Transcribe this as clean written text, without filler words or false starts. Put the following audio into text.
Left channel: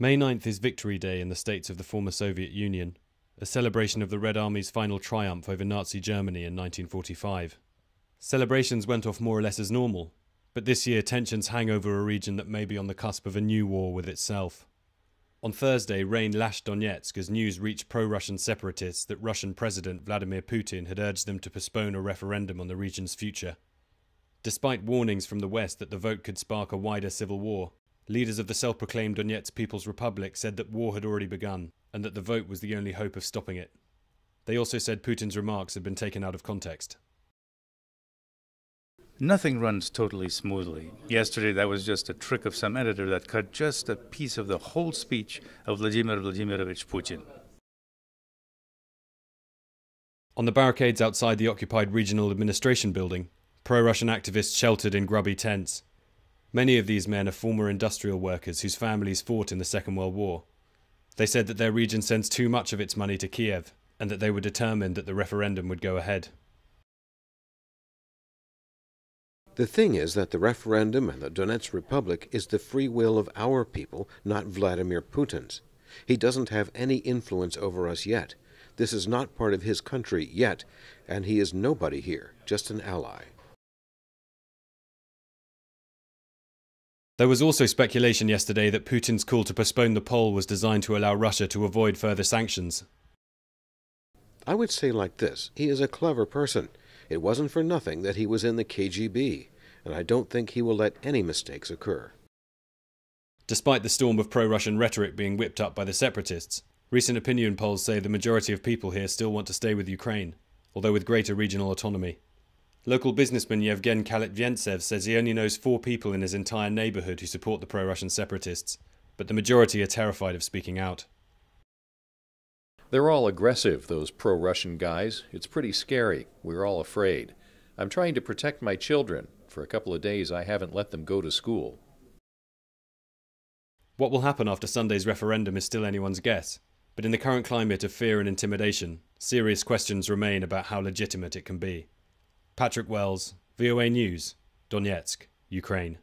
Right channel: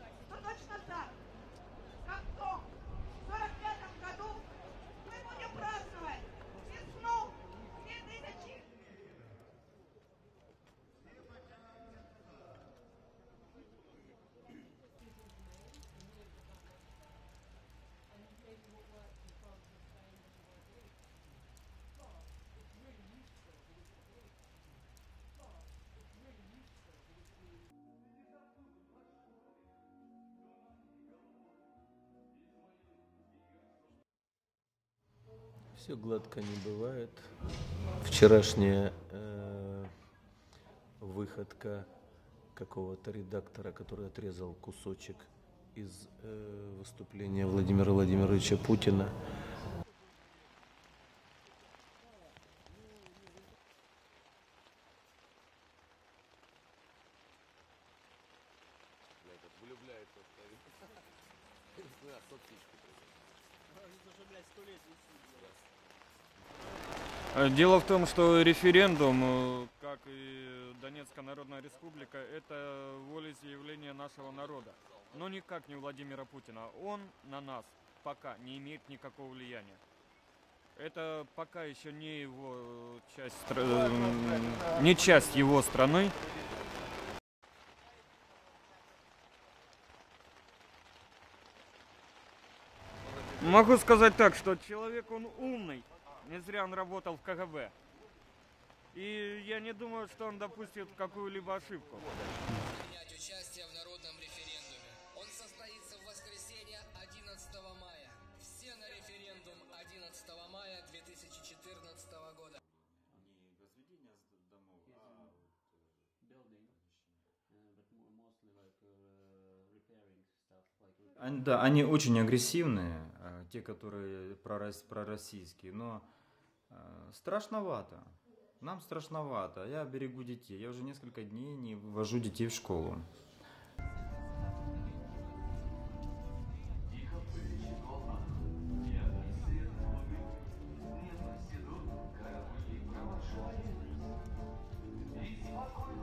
May 9th is Victory Day in the states of the former Soviet Union, a celebration of the Red Army's final triumph over Nazi Germany in 1945. Celebrations went off more or less as normal, but this year tensions hang over a region that may be on the cusp of a new war with itself. On Thursday, rain lashed Donetsk as news reached pro-Russian separatists that Russian President Vladimir Putin had urged them to postpone a referendum on the region's future. Despite warnings from the West that the vote could spark a wider civil war, leaders of the self-proclaimed Donetsk People's Republic said that war had already begun and that the vote was the only hope of stopping it. They also said Putin's remarks had been taken out of context. Nothing runs totally smoothly. Yesterday, that was just a trick of some editor that cut just a piece of the whole speech of Vladimir Vladimirovich Putin. On the barricades outside the occupied regional administration building, pro-Russian activists sheltered in grubby tents. Many of these men are former industrial workers whose families fought in the Second World War. They said that their region sends too much of its money to Kiev and that they were determined that the referendum would go ahead. The thing is that the referendum and the Donetsk Republic is the free will of our people, not Vladimir Putin's. He doesn't have any influence over us yet. This is not part of his country yet, and he is nobody here, just an ally. There was also speculation yesterday that Putin's call to postpone the poll was designed to allow Russia to avoid further sanctions. I would say like this, he is a clever person. It wasn't for nothing that he was in the KGB, and I don't think he will let any mistakes occur. Despite the storm of pro-Russian rhetoric being whipped up by the separatists, recent opinion polls say the majority of people here still want to stay with Ukraine, although with greater regional autonomy. Local businessman Yevgen Kalitventsev says he only knows 4 people in his entire neighborhood who support the pro-Russian separatists, but the majority are terrified of speaking out. They're all aggressive, those pro-Russian guys. It's pretty scary. We're all afraid. I'm trying to protect my children. For a couple of days, I haven't let them go to school. What will happen after Sunday's referendum is still anyone's guess, but in the current climate of fear and intimidation, serious questions remain about how legitimate it can be. Patrick Wells, VOA News, Donetsk, Ukraine.